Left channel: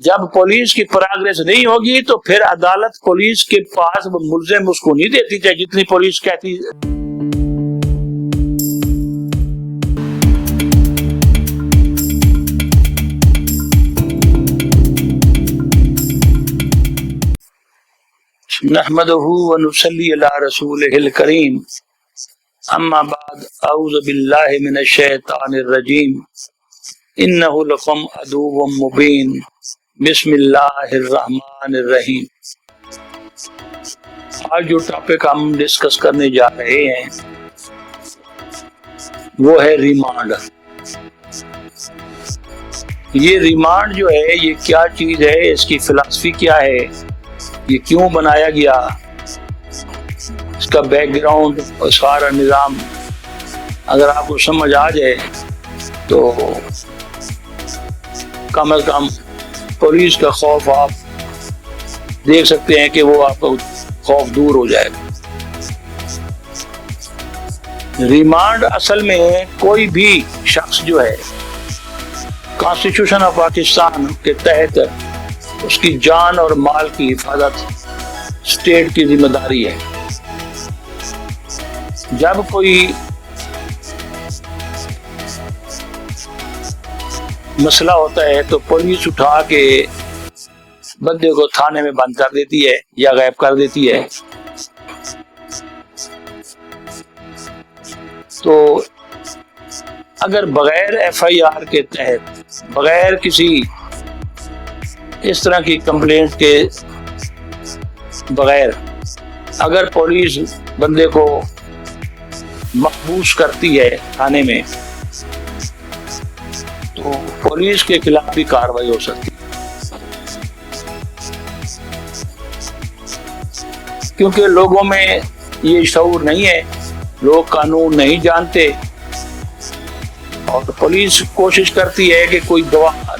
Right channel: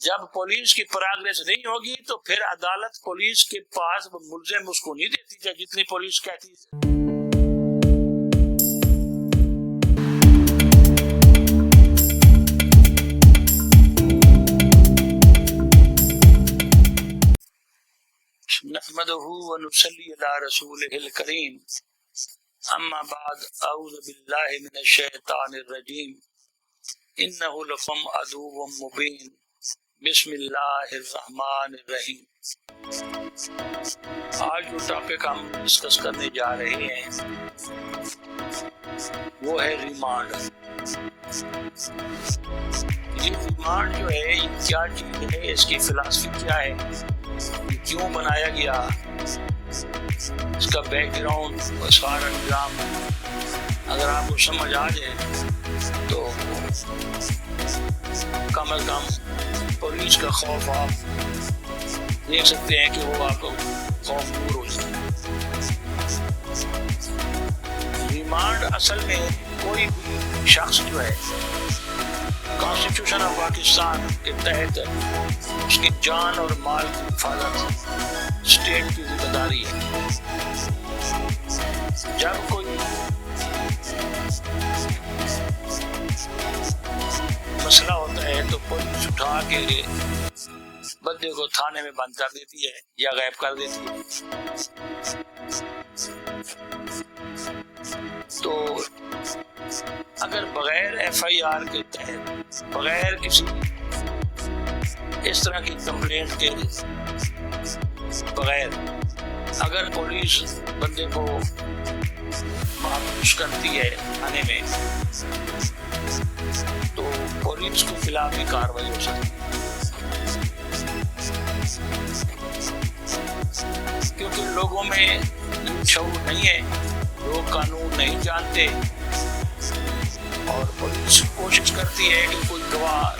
جب پولیس کی پروگریس نہیں ہوگی تو پھر عدالت پولیس کے پاس ملزم اس کو نہیں دیتی چاہے جتنی پولیس کہتی. نحمده ونصلي على رسوله الكريم اما بعد اعوذ بالله من الشیطان الرجیم انه لکم عدو مبین بسم اللہ الرحمن الرحیم. آج جو ٹاپک ہم ڈسکس کرنے جا رہے ہیں وہ ہے ریمانڈ. یہ ریمانڈ جو ہے یہ کیا چیز ہے, اس کی فلسفی کیا ہے, یہ کیوں بنایا گیا, اس کا بیک گراؤنڈ اور سارا نظام اگر آپ کو سمجھ آ جائے تو کم از کم پولیس کا خوف آپ دیکھ سکتے ہیں کہ وہ آپ کا خوف دور ہو جائے گا. ریمانڈ اصل میں کوئی بھی شخص جو ہے کانسٹیٹیوشن آف پاکستان کے تحت اس کی جان اور مال کی حفاظت اسٹیٹ کی ذمہ داری ہے. جب کوئی مسئلہ ہوتا ہے تو پولیس اٹھا کے بندے کو تھانے میں بند کر دیتی ہے یا غائب کر دیتی ہے. تو اگر بغیر ایف آئی آر کے تحت, بغیر کسی اس طرح کی کمپلینٹ کے بغیر اگر پولیس بندے کو محبوس کرتی ہے تھانے میں تو پولیس کے خلاف بھی کارروائی ہو سکتی ہے, کیونکہ لوگوں میں یہ شعور نہیں ہے, لوگ قانون نہیں جانتے اور پولیس کوشش کرتی ہے کہ کوئی گواہ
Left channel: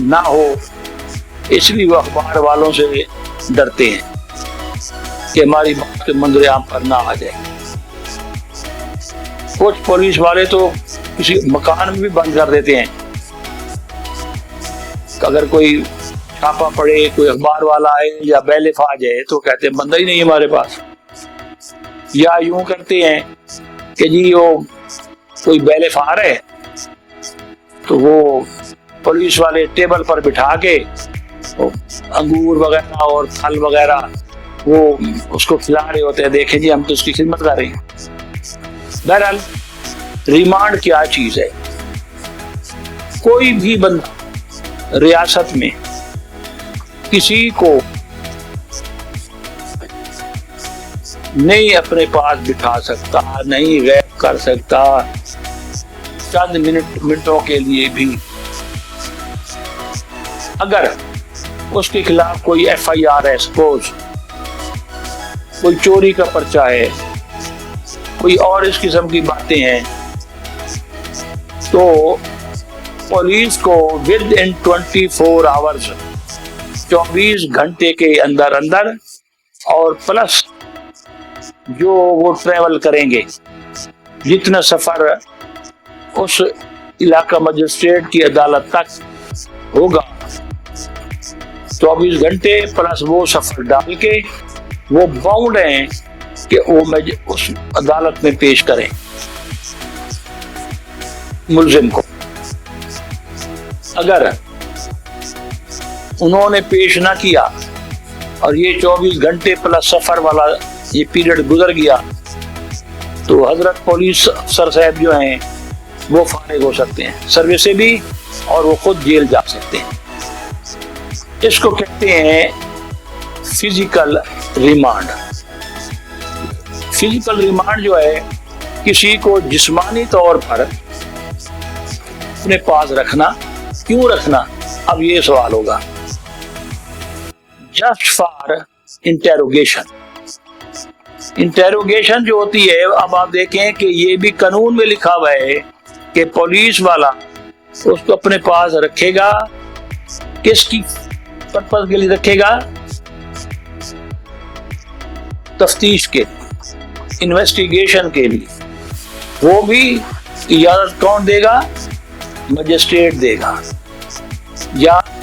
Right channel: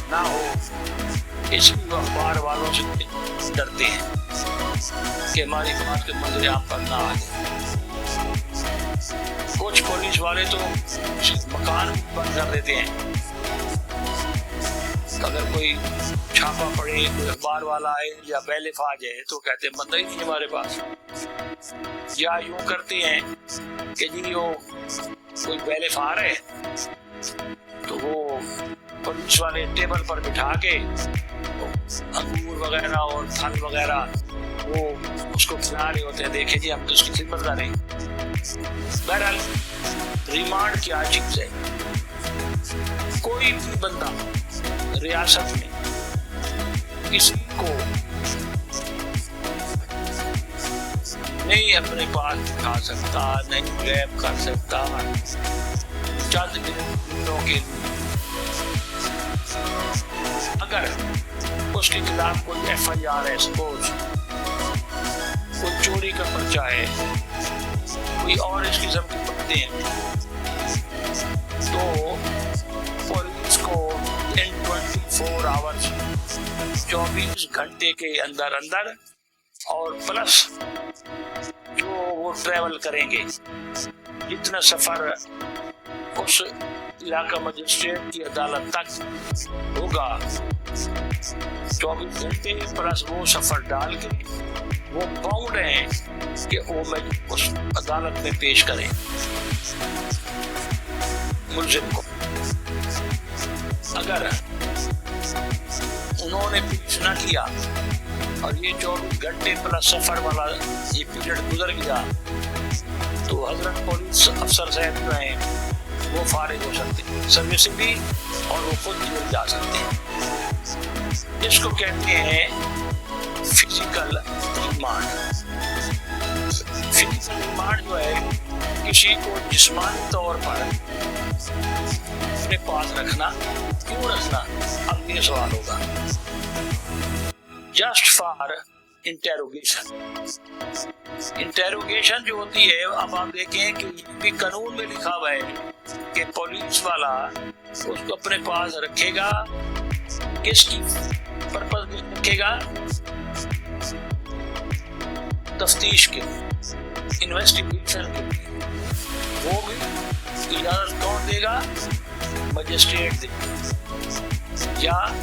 نہ ہو, اس لیے وہ اخبار والوں سے ڈرتے ہیں کہ ہماری بات کے منظر عام پر نہ آ جائے. کچھ پولیس والے تو کسی مکان میں بھی بند کر دیتے ہیں, اگر کوئی چھاپا پڑے, کوئی اخبار والا آئے یا بیلف آ جائے تو کہتے ہیں بندہ ہی نہیں ہمارے پاس. یا یوں کرتے ہیں کہ جی وہ کوئی بیلف آ رہے تو وہ پولیس والے ٹیبل پر بٹھا کے انگور وغیرہ اور پھل وغیرہ وہ اس کو کھلا رہے ہوتے ہیں, دیکھیں جی ہم تو اس کی خدمت کر رہے ہیں. بہرحال ریمانڈ کیا چیز ہے؟ کوئی بھی بندہ ریاست میں کسی کو نہیں اپنے پاس بٹھا سکتا, نہیں غائب کر سکتا چند منٹوں کے لیے بھی. اگر اس کے خلاف کوئی ایف آئی آر ہے, سپوز کوئی چوری کا پرچہ ہے, کوئی اور اس قسم کی باتیں ہیں, تو پولیس کو ود ان 24 آورز 24 گھنٹے کے اندر اندر اور پلس جو وہ ٹریول کریں گے, جتنا سفر اس علاقہ مجسٹریٹ کی عدالت تک ہوگا 24 گھنٹے پلس وہ سفر ڈال کے وہ باؤنڈ ہیں کہ وہ اس عدالت میں پیش کریں ملزم کو. اگر انہوں نے پیش نہ کیا اور یہ 24 گھنٹے پلس سفر والا یہ پیریڈ گزر گیا تو حضرت پولیس افسر صاحب جو ہیں وہ فارغ ہو سکتے ہیں سروس سے بھی اور وہ خود جیل جا سکتے ہیں. اس کو کہتے ہیں فزیکل ریمانڈ. فزیکل ریمانڈ جو ہے کسی کو جسمانی طور پر اپنے پاس رکھنا. کیوں رکھنا؟ اب یہ سوال ہوگا. Just for interrogation. انٹیروگیشن جو ہوتی ہے, اب آپ دیکھیں کہ یہ بھی قانون میں لکھا ہوا ہے کہ پولیس والا اس کو اپنے پاس رکھے گا. کس کی پرپز کے لیے رکھے گا؟ تفتیش کے, انویسٹیگیشن کے لیے. وہ بھی اجازت کون دے گا؟ مجسٹریٹ دے گا. یا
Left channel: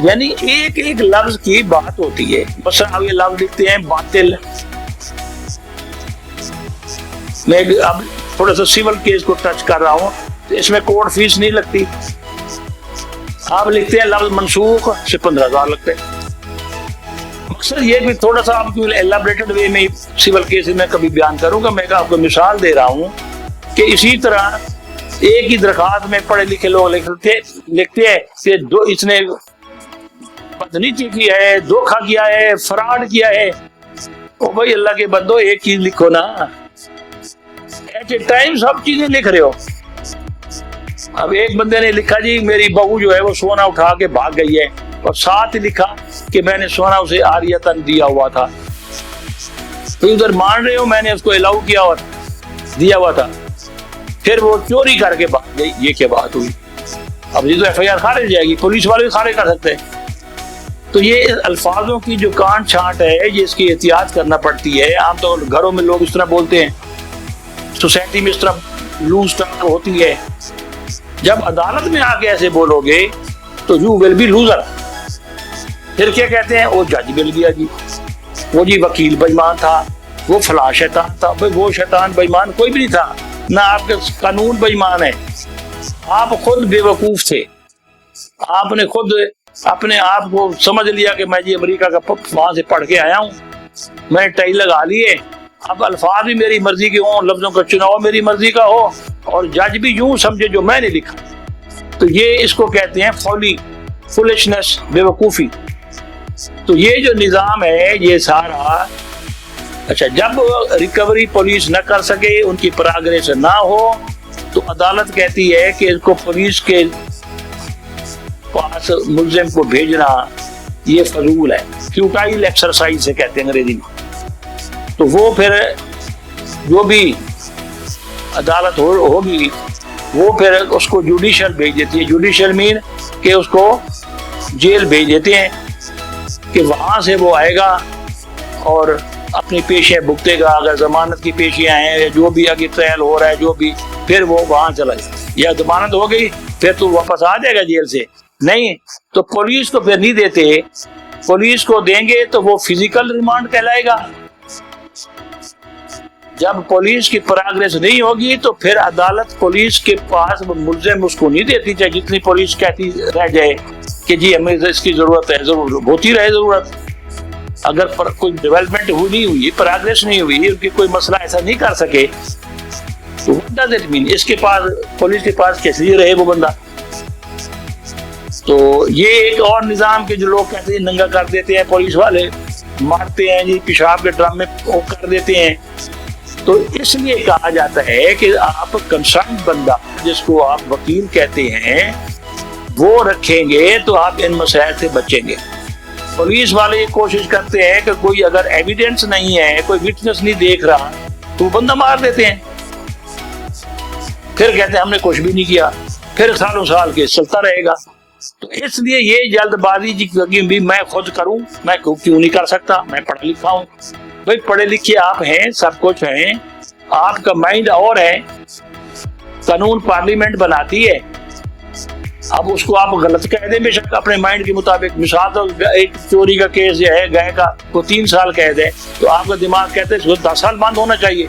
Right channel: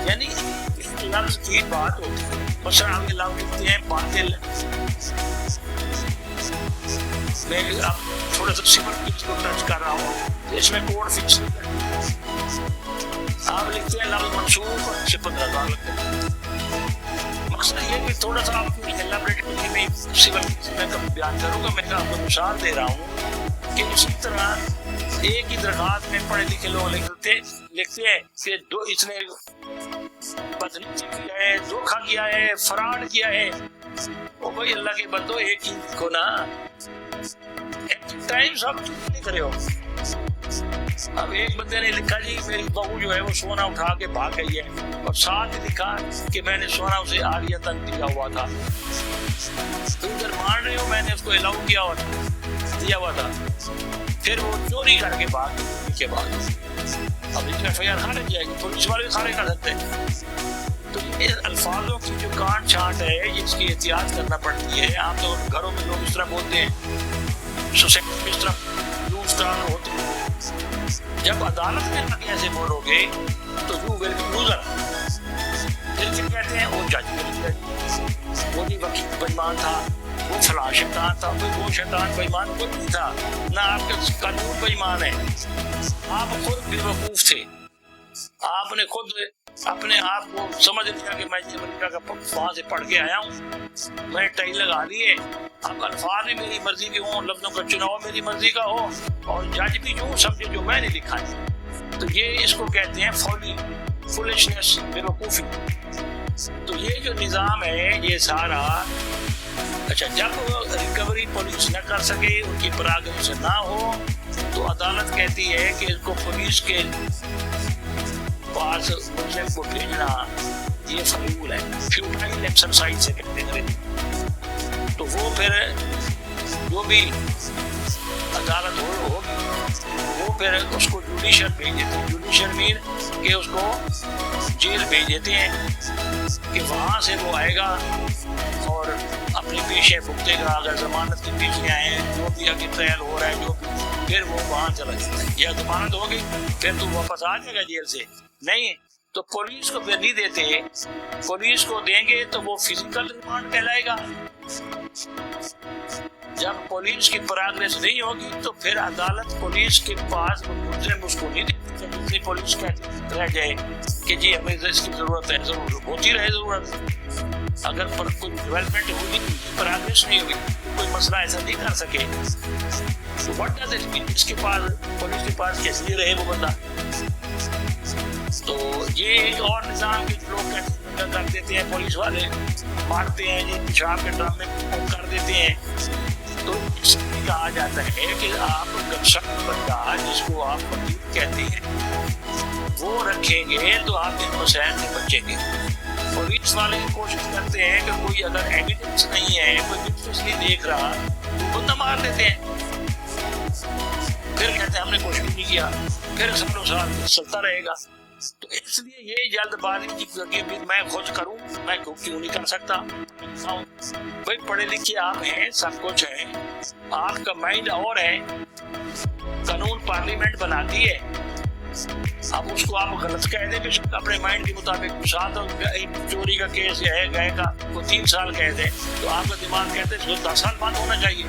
یعنی ایک ایک لفظ کی بات ہوتی ہے. مثلا اب یہ لفظ لکھتے ہیں باطل. میں اب تھوڑا سا سول کیس کو ٹچ کر رہا ہوں, تو اس میں کورٹ فیس نہیں لگتی. آپ لکھتے ہیں لفظ منسوخ سے 15,000 لگتے ہیں. مقصد یہ بھی تھوڑا سا آپ کو ایلیبریٹڈ وے میں سول کیس میں کبھی بیان کروں گا. میں آپ کو مثال دے رہا ہوں کہ اسی طرح ایک ہی درخواست میں پڑھے لکھے لوگ لکھتے ہیں کہ اس نے بدنیتی کی ہے, دھوکہ کیا ہے, فراڈ کیا ہے. او بھائی اللہ کے بندو ایک چیز لکھو نا, ایٹ اے ٹائم سب چیزیں لکھ رہے ہو. اب ایک بندے نے لکھا جی میری بہو جو ہے وہ سونا اٹھا کے بھاگ گئی ہے, اور ساتھ ہی لکھا کہ میں نے سونا اسے عاریتاً دیا ہوا تھا. تو ادھر مان رہے ہو میں نے اس کو الاؤ کیا اور دیا ہوا تھا, پھر وہ چوری کر کے بھاگ گئی. یہ کیا بات ہوئی؟ اب یہ تو ایف آئی آر خارج جائے گی, پولیس والے بھی خارج کر سکتے ہیں. تو یہ الفاظوں کی جو کانٹ چھانٹ ہے یہ اس کی احتیاط کرنا پڑتی ہے. عام طور گھروں میں لوگ اس طرح بولتے ہیں, سوسائٹی میں اس طرح لوز ٹانگ ہوتی ہے. جب عدالت میں آ کے ایسے بولو گے تو یو ول بی لوزر. پھر کیا کہتے ہیں, وہ جج مل گیا جی, وہ جی وکیل بے ایمان تھا, وہ فلاں شیطان تھا. بھائی وہ شیطان بے ایمان کوئی بھی نہیں تھا, نہ آپ کے قانون بے ایمان ہے. آپ خود بے وقوف تھے. آپ نے خود اپنے آپ کو سمجھ لیا کہ میں جی امریکہ کا وہاں سے پڑھ کے آیا ہوں, میں نے ٹائی لگا لیے, اب الفاظ بھی میری مرضی کے ہوں, لفظوں کا چناؤ میری مرضی کا ہو, اور جج بھی یوں سمجھے جو میں نے لکھا ہے. تو یہ اس کو کہتے ہیں فولی, فولشنس, بے وقوفی. تو یہ جو نظام ہے یہ سارا, اچھا جب ریکوری پولیس نہ کر سکے, ان کی پراگریس نہ ہو, تو عدالت کہتی ہے کہ اس کو پولیس کے پاس ملزم کو بھیجنا یہ فضول ہے, فیوٹائل ایکسرسائز سے کہتے ہیں انگریزی میں. تو وہ پھر جو بھی عدالت ہوگی وہ پھر اس کو جوڈیشل بھیج دیتی ہے. جوڈیشل مین کہ اس کو جیل بھیج دیتے ہیں کہ وہاں سے وہ آئے گا اور اپنی پیشیاں بھگتے گا. اگر ضمانت کی پیشیاں ہیں, جو بھی آگے ٹرائل ہو رہا ہے, جو بھی, پھر وہ وہاں چلا جائے. یا ضمانت ہو گئی پھر تو واپس آ جائے گا جیل سے. نہیں تو پولیس کو پھر نہیں دیتے, پولیس کو دیں گے تو وہ فزیکل ریمانڈ کہلائے گا. جب پولیس کی پراگریس نہیں ہوگی تو پھر عدالت پولیس کے پاس ملزم اس کو نہیں دیتی, چاہے جتنی پولیس کہتی رہ جائے کہ جی ہمیں اس کی ضرورت ہے, ضرور ہوتی رہے ضرورت. اگر کوئی ڈیولپمنٹ نہیں ہوئی, پراگریس نہیں ہوئی, ان کی کوئی مسئلہ ایسا نہیں کر سکے, تو what does it mean? اس کے پاس, پولیس کے پاس کیسے لیے رہے وہ بندہ. تو یہ ایک اور نظام کے جو لوگ کہتے ہیں ننگا کر دیتے ہیں, پولیس والے مارتے ہیں جی, پیشاب کے ڈرم میں وہ کر دیتے ہیں. تو اس لیے کہا جاتا ہے کہ آپ کنسرن بندہ جس کو آپ وکیل کہتے ہیں وہ رکھیں گے تو آپ ان مسائل سے بچیں گے. پولیس والے کوشش کرتے ہیں کہ کوئی اگر ایویڈنس نہیں ہے, کوئی وٹنس نہیں دیکھ رہا, تو بندہ مار دیتے ہیں. پھر کہتے ہیں ہم نے کچھ بھی نہیں کیا, پھر سالوں سال کے چلتا رہے گا. تو اس لیے یہ جلد بازی بھی میں خود کروں, میں کیوں نہیں کر سکتا, میں پڑھا لکھا ہوں. بھائی پڑھے لکھے آپ ہیں, سب کچھ ہیں, آپ کا مائنڈ اور ہے. قانون پارلیمنٹ بناتی ہے, اب اس کو آپ غلط کہہ دیں بے شک اپنے مائنڈ کے مطابق. مثال تو ایک چوری کا کیس جو ہے گائے کا, وہ 3 سال قید ہے, تو آپ کا دماغ کہتے ہیں 10 سال بند ہونا چاہیے.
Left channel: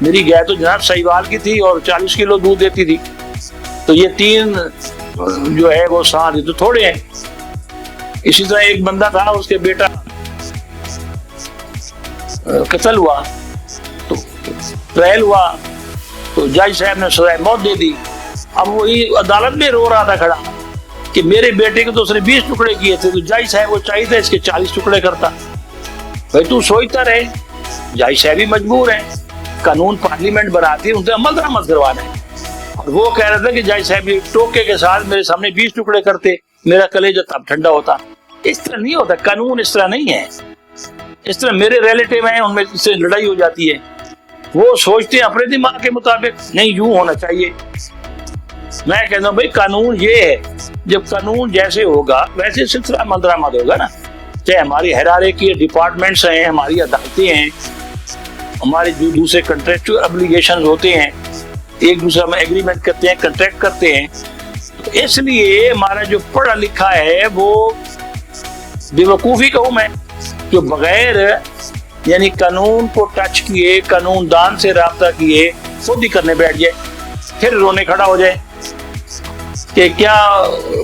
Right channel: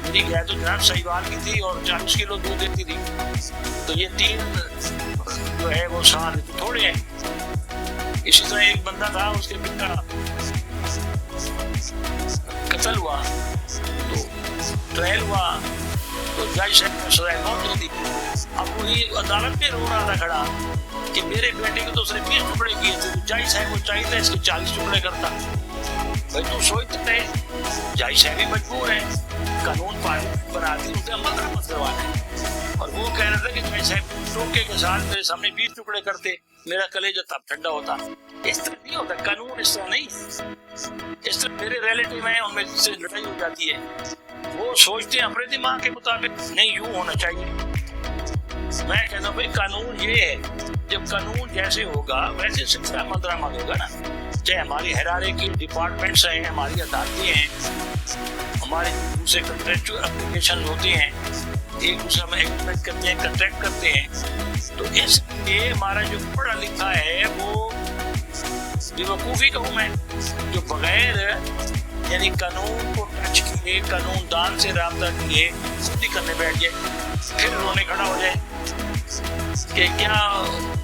میری گائے تو جناب سہیوال کی تھی اور 40 کلو دودھ دیتی تھی, تو یہ 3 جو ہے وہ سال تو تھوڑے ہیں. اسی طرح ایک بندہ تھا, اس کے بیٹا قتل ہوا, تو ٹرائل ہوا, تو جج صاحب نے سزائے موت دے دی. اب وہی عدالت میں رو رہا تھا کھڑا کہ میرے بیٹے کو تو اس نے 20 ٹکڑے کیے تھے, تو جج صاحب وہ چاہیے تھا اس کے 40 ٹکڑے کرتا. بھائی تو سوچتا رہے, جج صاحب بھی مجبور ہیں, قانون پارلیمنٹ بناتی ہے, ان سے عمل درآمد کروانا ہے. اور وہ کہہ رہا تھا کہ جج صاحب ٹوکے کے ساتھ میرے سامنے 20 ٹکڑے کرتے, میرا کلیجہ تب ٹھنڈا ہوتا. اس طرح نہیں ہوتا, قانون اس طرح نہیں ہے. اس طرح میرے ریلیٹیو ہیں, ان میں سے لڑائی ہو جاتی ہے, وہ سوچتے ہیں اپنے دماغ کے مطابق, نہیں یوں ہونا چاہیے. میں کہتا ہوں بھائی قانون یہ ہے, جب قانون جیسے ہوگا ویسے سلسلہ عمل درآمد ہوگا نا. چاہے ہماری ہیرارکی کی ڈپارٹمنٹس ہیں, ہماری عدالتیں ہیں, ہمارے جو دوسرے کنٹریکچوئل ابلیگیشنز ہوتے ہیں, ایک دوسرے میں ایگریمنٹ کرتے ہیں، کنٹریکٹ کرتے ہیں. تو اس لیے ہمارا جو پڑھا لکھا ہے وہ بے وقوفی کہوں میں، جو بغیر یعنی قانون کو ٹچ کیے، قانون دان سے رابطہ کیے خود ہی کرنے بیٹھ جائے، پھر رونے کھڑا ہو جائے کہ کیا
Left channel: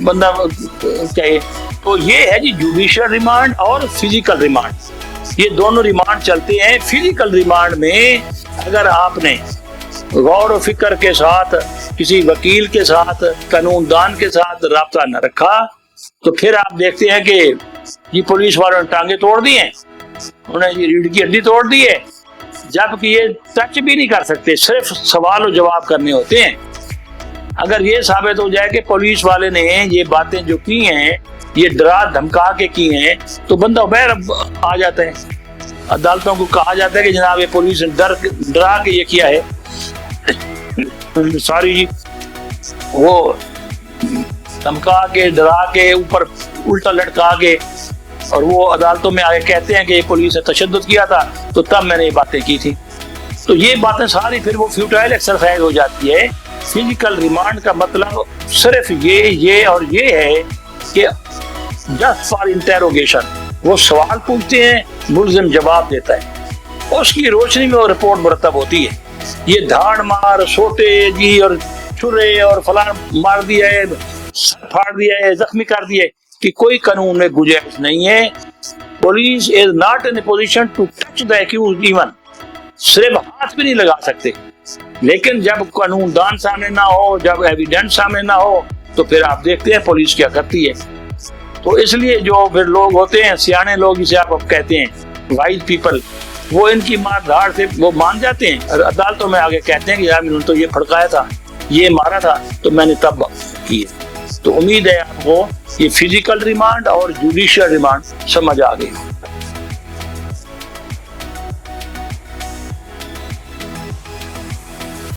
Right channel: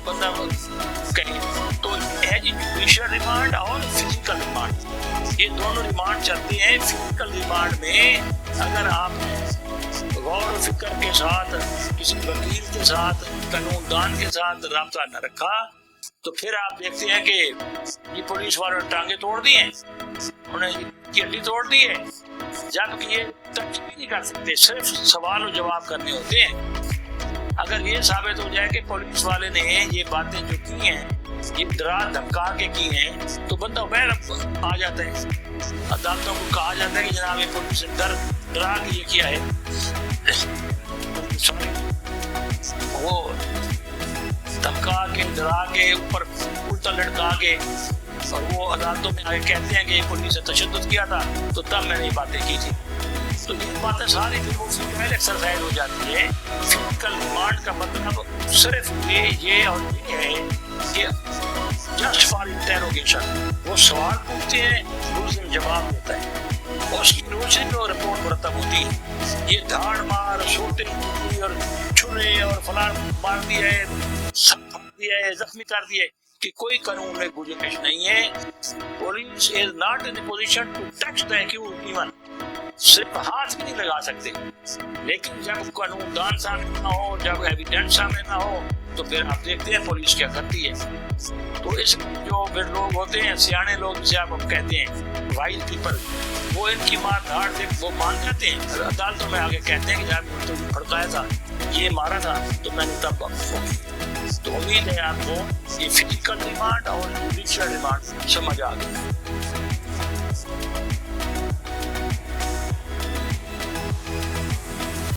بندہ کہے. تو یہ ہے جی جوڈیشل ریمانڈ اور فزیکل ریمانڈ، یہ دونوں ریمانڈ چلتے ہیں. فزیکل ریمانڈ میں اگر آپ نے غور و فکر کے ساتھ کسی وکیل کے ساتھ، قانون دان کے ساتھ رابطہ نہ رکھا تو پھر آپ دیکھتے ہیں کہ یہ پولیس والوں نے ٹانگیں توڑ دی ہیں، انہیں یہ ریڑھ کی ہڈی توڑ دی ہے، جبکہ یہ ٹچ بھی نہیں کر سکتے، صرف سوال و جواب کرنے ہوتے ہیں. اگر یہ ثابت ہو جائے کہ پولیس والے نے یہ باتیں جو کی ہیں یہ ڈرا دھمکا کے کی ہیں تو بندہ باہر آ جاتا ہے. عدالتوں کو کہا جاتا ہے کہ جناب یہ پولیس نے ڈرا کے یہ کیا ہے، ساری وہ دھمکا کے ڈرا کے اوپر الٹا لٹکا کے، اور وہ عدالتوں میں آگے کہتے ہیں کہ یہ پولیس نے تشدد کیا تھا تو تب میں نے یہ باتیں کی تھی. تو یہ باتیں ساری پھر وہ فیوٹائل ایکسرسائز ہو جاتی ہے. فزیکل ریمانڈ کا مطلب صرف یہ اور یہ ہے کہ جسٹ فار انٹیروگیشن، وہ سوال پوچھتے ہیں، ملزم جواب دیتا ہے، اس کی روشنی میں وہ رپورٹ مرتب ہوتی ہے. یہ دھاڑ مار، سوٹے جی اور چھرے اور فلاں مار دیا ہے، پھاڑ دیا ہے، زخمی کر دیا ہے، کہ کوئی قانون میں گنجائش نہیں ہے. Police is not in position to touch the accused even, صرف ہاتھ بھی نہیں لگا سکتے. لیکن جب قانون دان سامنے نہ ہو، جب ایویڈنس سامنے نہ ہو تو پھر آپ دیکھتے ہیں پولیس کیا کرتی ہے. تو اس لیے جو پھر لوگ ہوتے ہیں سیانے لوگ، جسے آپ کہتے ہیں وائز پیپل، وہ ان کی مار دھاڑ سے وہ مان جاتے ہیں اور عدالتوں میں آگے کہتے ہیں کہ یار میں نے تو یہ پھڑکایا تھا، یہ مارا تھا تو میں نے تب کی. تو امید ہے آپ کو یہ فزیکل ریمانڈ اور جوڈیشل ریمانڈ سمجھ آ گئی.